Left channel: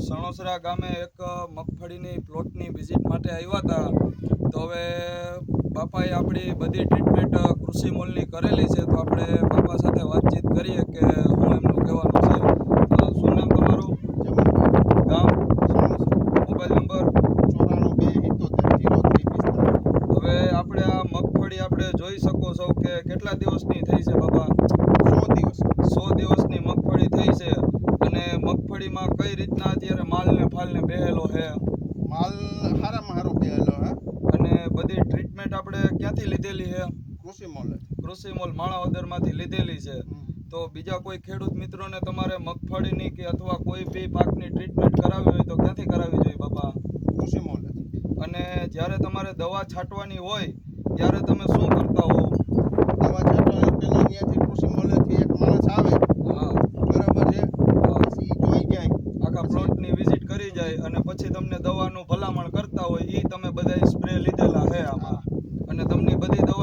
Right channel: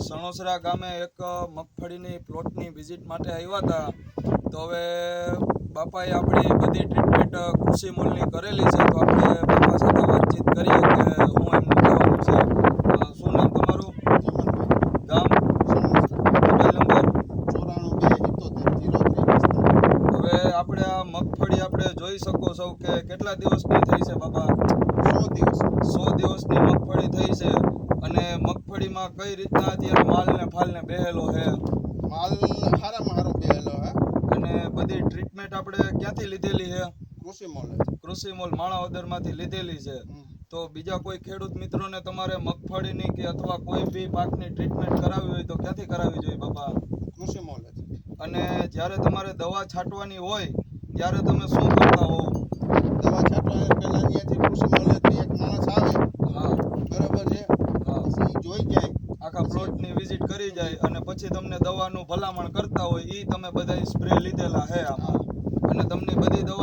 સણોસરા ગામે એક મગફળીની પ્લોટની વિઝિટ માટે આવ્યા હતા. તો હવે બાપાએ આપણી બધી ટ્રીટમેન્ટ કૃષિ મોલની કરેલી છે. તો આપણે બાપા સાથે વાતચીત કરીએ કે હું એમનું કહેવાનું છે. શું નામ તમારું? ગામ? Mobile number? 94 હવે આપણે આ મગફળી આપણે જોઈ શકો છો કે કેટલા દિવસની થઈ છે બાપા? 100 દિવસ. 100 દિવસની મગફળી થઈ છે. અને મગફળીમાં કઈ રીતના અત્યારે માલ ને ફાલ ને બેહેલો છે? માલ હારામાં હારો બેહેલો હે. અને બધી ટ્રીટમેન્ટ આપણે ક્યાંથી લીધેલી છે? કૃષિ મોલ માણાવદરમાંથી લીધેલી છે. તો બીજા કોઈ ખેડૂત મિત્રોને તમારે મગફળીની કે અથવા કોઈ બી પાકની ટ્રીટમેન્ટ કરાવવી હોય તો ક્યાંથી કરાવવી જોઈએ બાપા? કૃષિ મોલ. અને જ્યારે તમારે દવા છાંટવાની હોય ત્યારે તમે શું કરતા હો? દવા છાંટવાની પહેલા અહીંયાથી કૃષિ મોલેથી એક માણસ આવે. હા, બરાબર છે. પછી જોઈ જાય, આખા પ્લોટની વિઝિટ કરી જાય અને પછી તમને દવાનું ભલામણ કરતા હોય. એ તમે બધા સ્પ્રે લીધેલા છે આમાં, અને તમને બધી દવા